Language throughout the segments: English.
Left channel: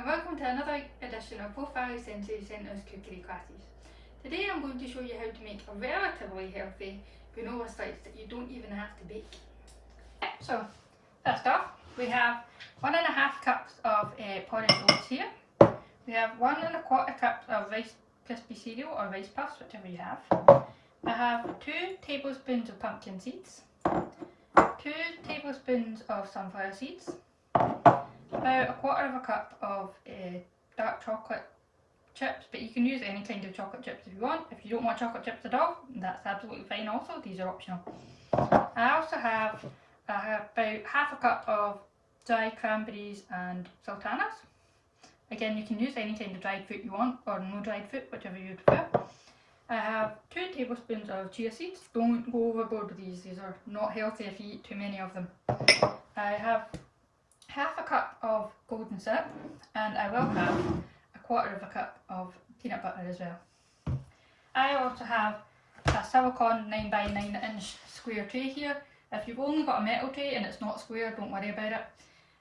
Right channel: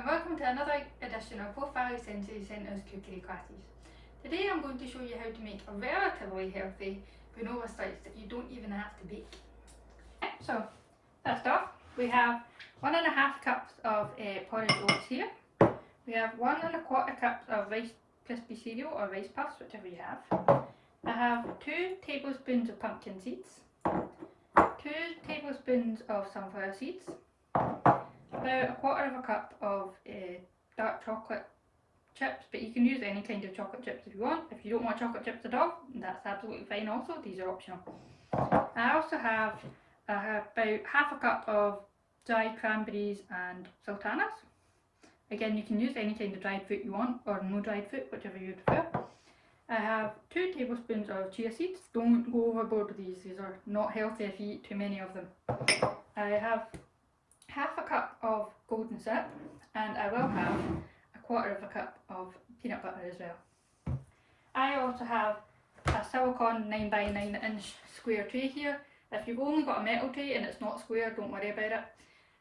and welcome to another edition of Both Valley Sensory Centre's cookery classes. Today I'm going to show you how to make a relatively healthy granola slice that you don't even have to bake. So first off, we have 1.5 cups of porridge oats here. We have 1.25 cups of Rice Krispie cereal or rice puffs, whichever you have. I have 2 tablespoons of pumpkin seeds, 2 tablespoons of sunflower seeds, about 1/4 cup of dark chocolate chips, but you can use any kind of chocolate chips if you want. If you don't want chocolate chips at all, that's absolutely fine also, these are optional. I also have about 1/2 cup of dried cranberries and sultanas. Again, you can use any kind of dried fruit you want, or no dried fruit, whichever you prefer. I have 2 tablespoons of chia seeds. Don't go overboard with these are not healthy if you eat too many of them. I have 1/2 cup of golden syrup, and I will have 1/4 cup of peanut butter as well. I also have a silicone 9x9 square tray here. If you've only got a metal tray and it's not square, don't worry about it.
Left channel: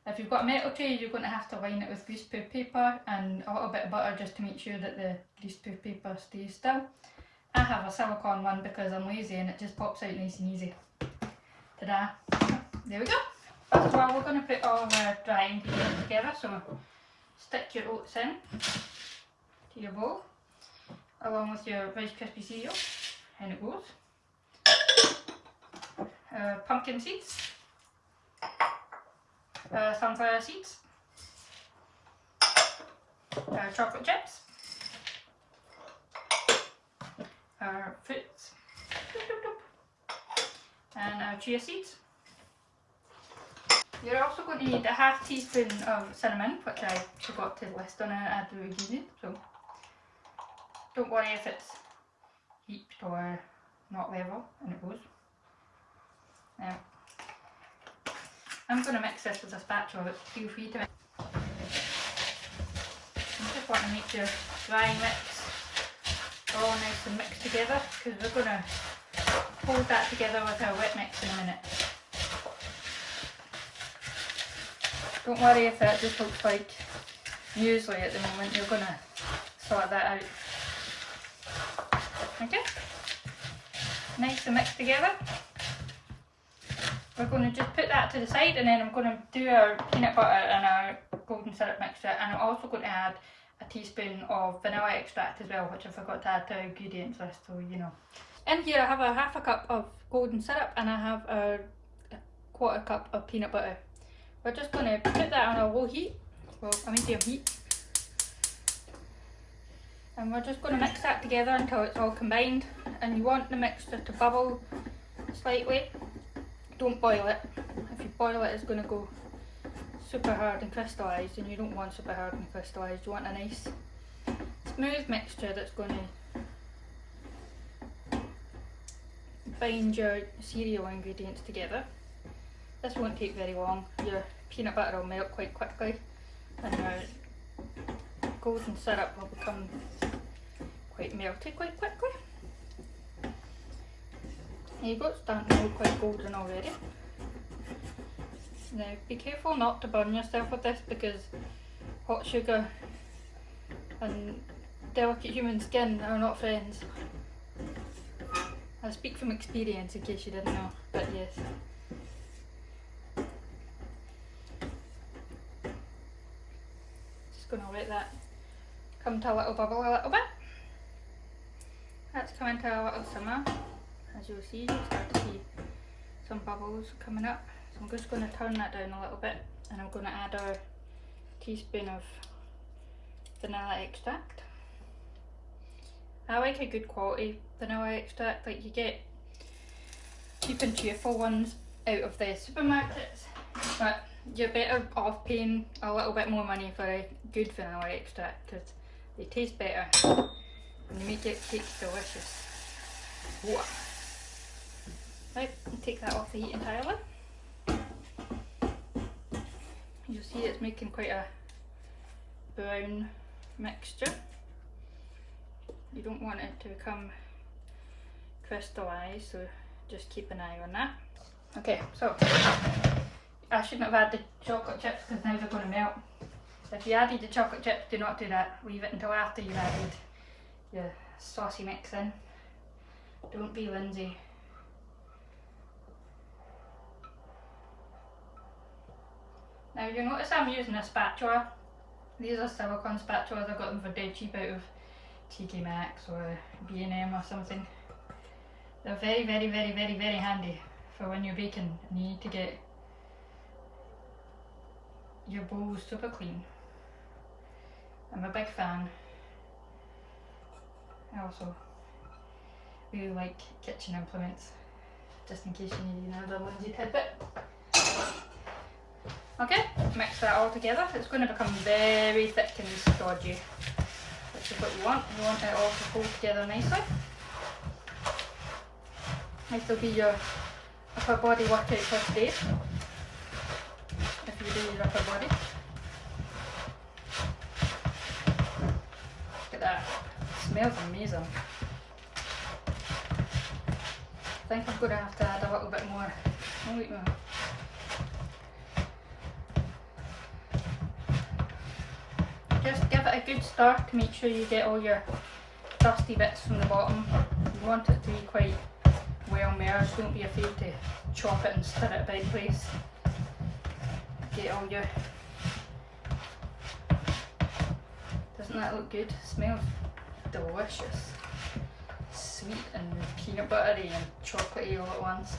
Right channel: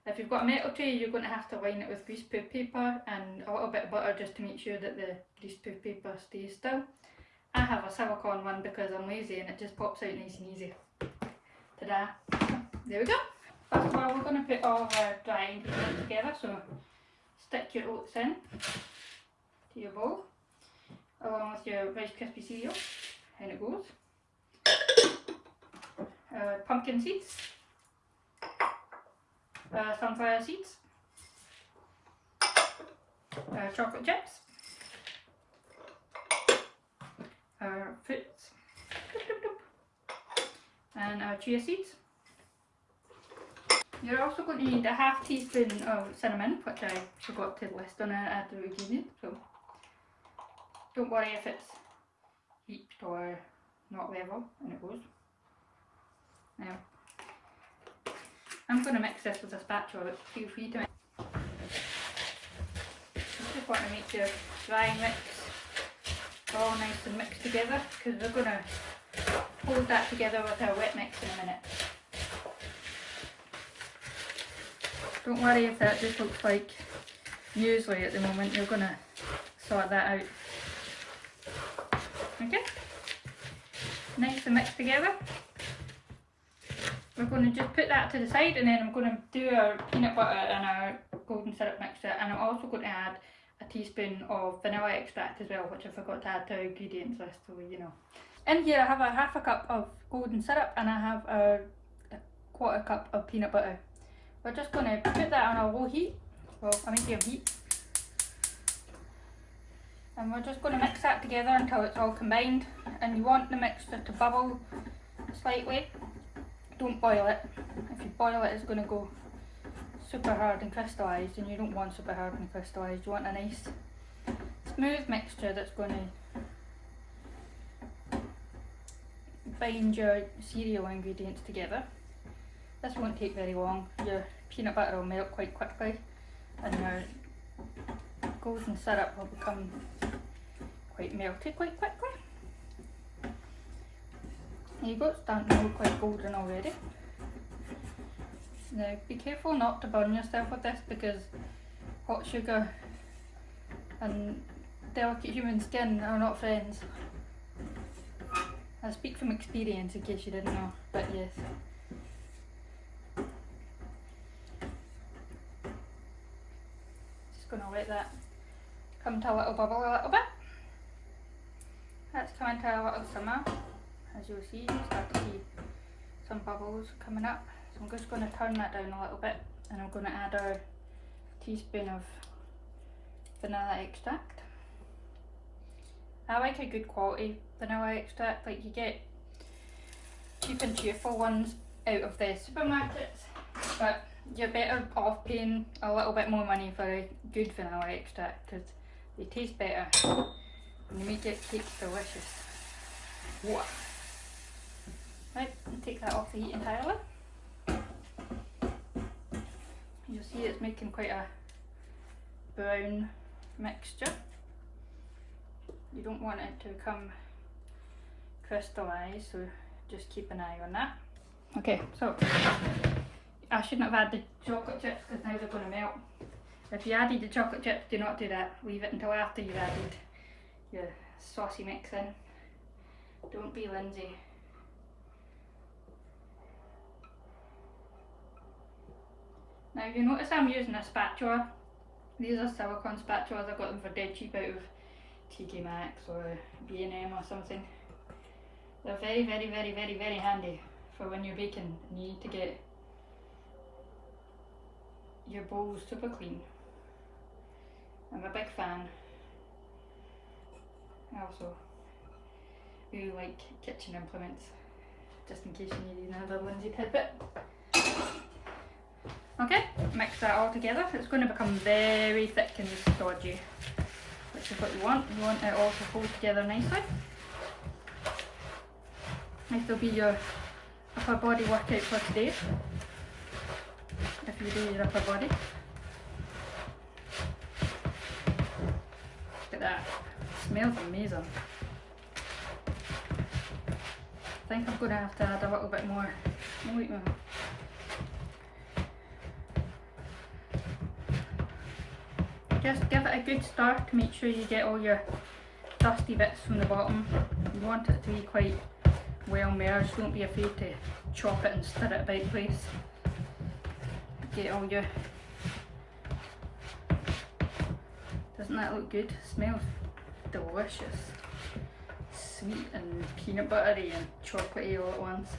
If you've got a metal tray, you're going to have to line it with greaseproof paper and a little bit of butter just to make sure that the greaseproof paper stays still. I have a silicone one because I'm lazy and it just pops out nice and easy. Ta-da! There we go. First of all, we're going to put all our dry ingredients together, so stick your oats in to your bowl, along with your Rice Krispie cereal, in it goes, pumpkin seeds, sunflower seeds, chocolate chips, our fruits, and our chia seeds. You're also going to need a 1/2 teaspoon of cinnamon, which I forgot to list on at the beginning, so don't worry if it's heaped or not level, and it goes. Now, I'm going to mix this with a spatula, but feel free to mix. You just want to make your dry mix all nice and mixed together, because we're going to hold that together with our wet mix in a minute. Don't worry if that just looks like muesli at the moment, you're going to sort that out. Okay, nice and mixed together. We're going to just put that to the side, and then I'm going to do our peanut butter and our golden syrup mixture, and I'm also going to add a teaspoon of vanilla extract as well, which I forgot to add to our ingredients list, so you know. In here I have a 1/2 cup of golden syrup and I have a 1/4 cup of peanut butter. We're just going to put that on a low heat, well a medium heat, and we're just going to mix that together until it's all combined. And you want the mixture to bubble slightly, don't boil it. If you boil it, it's going to go super hard and crystallised, and you don't want super hard and crystallised, you want a nice smooth mixture that's going to bind your cereal ingredients together. This won't take very long, your peanut butter will melt quite quickly and your golden syrup will become quite melty quite quickly. There you go, it's starting to look quite golden already. Now be careful not to burn yourself with this, because hot sugar and delicate human skin are not friends. I speak from experience in case you didn't know, but yes. Just going to let that come to a little bubble a little bit. That's coming to a little simmer. As you'll see, you start to see some bubbles coming up. So I'm just going to turn that down a little bit, and I'm going to add our teaspoon of vanilla extract. I like a good quality vanilla extract, like you get cheap and cheerful ones out of the supermarkets, but you're better off paying a little bit more money for a good vanilla extract because they taste better and they make it cakes delicious. Whoa. Right, take that off the heat entirely. You'll see it's making quite a brown mixture. You don't want it to become crystallised, so just keep an eye on that. Okay, so I shouldn't have had the chocolate chips because now they're going to melt. If you added the chocolate chips, do not do that. Leave it until after you've added your saucy mix in. Don't be Lindsay. Now you notice I'm using a spatula. These are silicone spatulas. I got them for dead cheap out of TK Maxx or B&M or something. They're very, very, very, very, very handy for when you're baking and you need to get your bowls super clean. I'm a big fan. I also really like kitchen implements, just in case you need another Lindsay tidbit. Okay, mix that all together. It's going to become very thick and stodgy, which is what you want. You want it all to hold together nicely. This will be your upper body workout for today, if you do your upper body. Look at that, it smells amazing. I think I'm going to have to add a little bit more. Oh, wait a minute. Just give it a good stir to make sure you get all your dusty bits from the bottom. You want it to be quite well merged. Don't be afraid to chop it and stir it about place. Get all your... Doesn't that look good? It smells delicious. Sweet and peanut buttery and chocolatey all at once.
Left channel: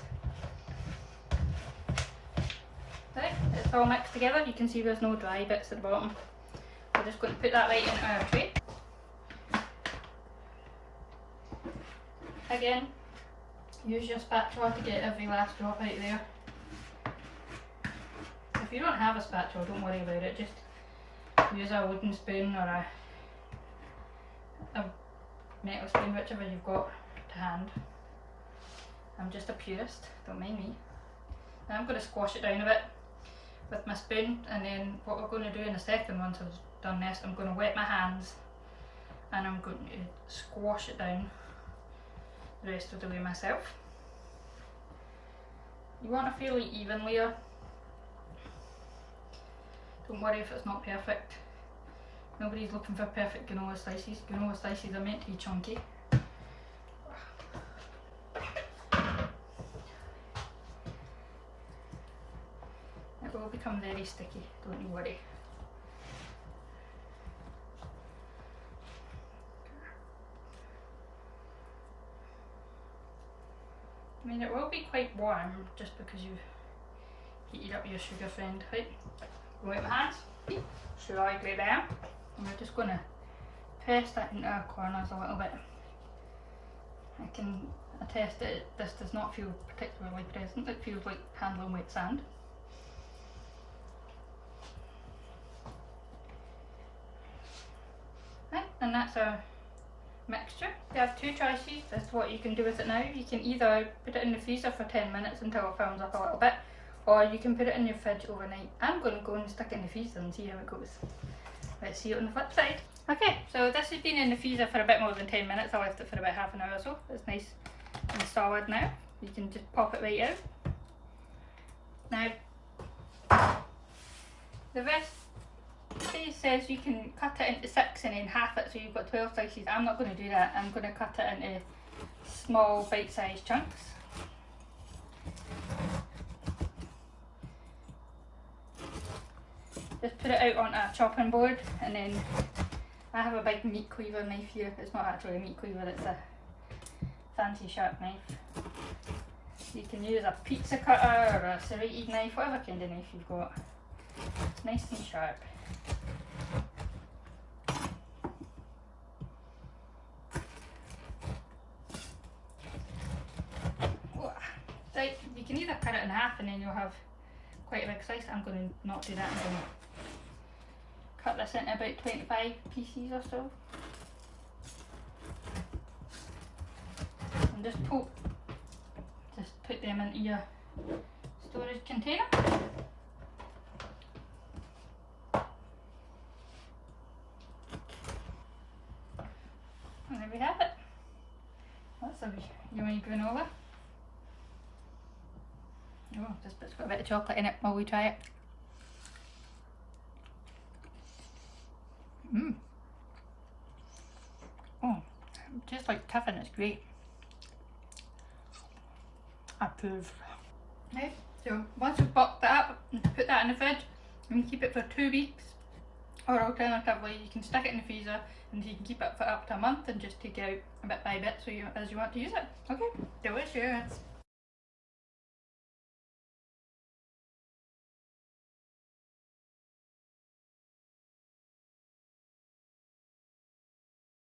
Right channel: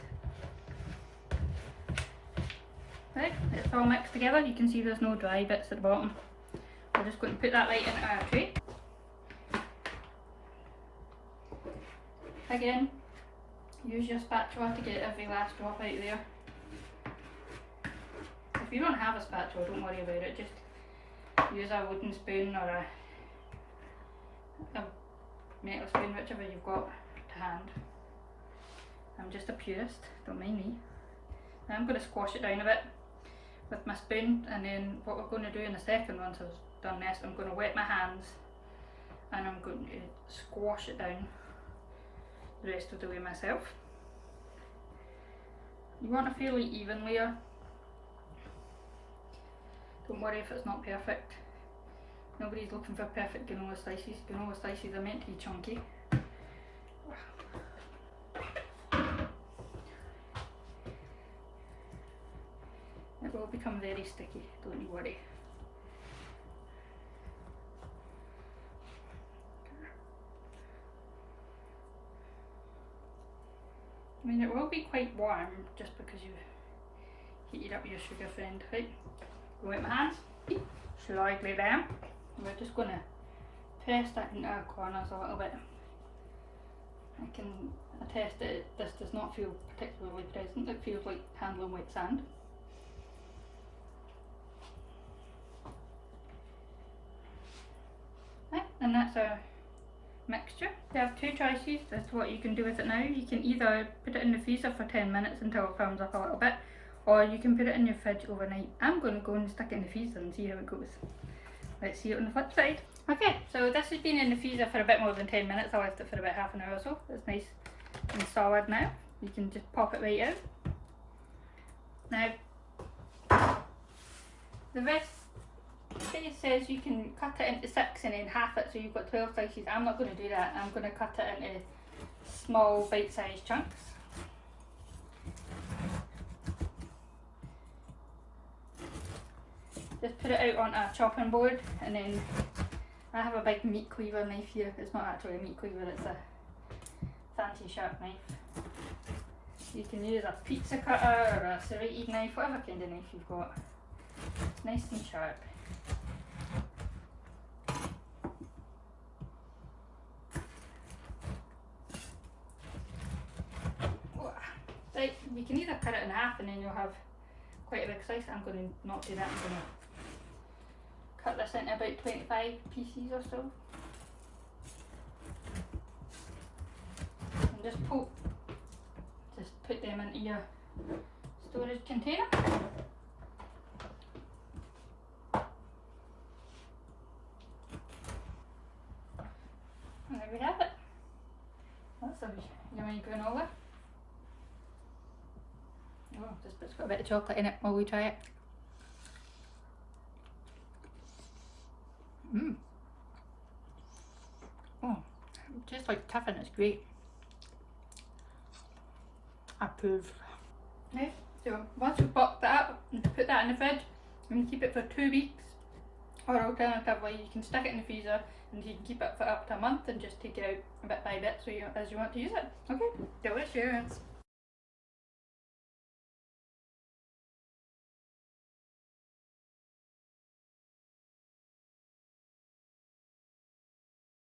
Right, it's all mixed together. You can see there's no dry bits at the bottom. We're just going to put that right into our tray. Again, use your spatula to get every last drop out there. If you don't have a spatula, don't worry about it. Just use a wooden spoon or a metal spoon, whichever you've got to hand. I'm just a purist, don't mind me. Now I'm going to squash it down a bit with my spoon, and then what we're going to do in a second, once I've done this, I'm going to wet my hands and I'm going to squash it down the rest of the way myself. You want a fairly even layer. Don't worry if it's not perfect. Nobody's looking for perfect granola slices. Granola slices are meant to be chunky. It will become very sticky, don't you worry. I mean, it will be quite warm just because you've heated up your sugar friend. Right, go with my hands, slightly down, and we're just going to press that into our corners a little bit. I can attest that this does not feel particularly pleasant. It feels like handling wet sand. Right, and that's our mixture. You have two choices as to what you can do with it now. You can either put it in the freezer for 10 minutes until it firms up a little bit, or you can put it in your fridge overnight. I'm going to go and stick it in the freezer and see how it goes. Let's see it on the flip side. Okay, so this has been in the freezer for a bit more than 10 minutes. I left it for about half an hour or so. It's nice and solid now. You can just pop it right out. Now, the rest it says you can cut it into 6 and then half it, so you've got 12 slices. I'm not going to do that. I'm going to cut it into small bite-sized chunks. Just put it out on a chopping board, and then I have a big meat cleaver knife here. It's not actually a meat cleaver, it's a fancy sharp knife. You can use a pizza cutter or a serrated knife, whatever kind of knife you've got. Nice and sharp. Right, you can either cut it in half and then you'll have quite a big slice. I'm going to not do that. I'm going to cut this into about 25 pieces or so. And just put them into your storage container. And there we have it. That's a yummy granola. Oh, this bit's got a bit of chocolate in it while we try it. Mmm. Oh, it tastes like Tiffin, it's great. I approve. Okay, so once you've popped that up, put that in the fridge and keep it for 2 weeks. Or alternatively, you can stick it in the freezer and you can keep it for up to a month and just take it out a bit by bit so as you want to use it. Okay, delicious.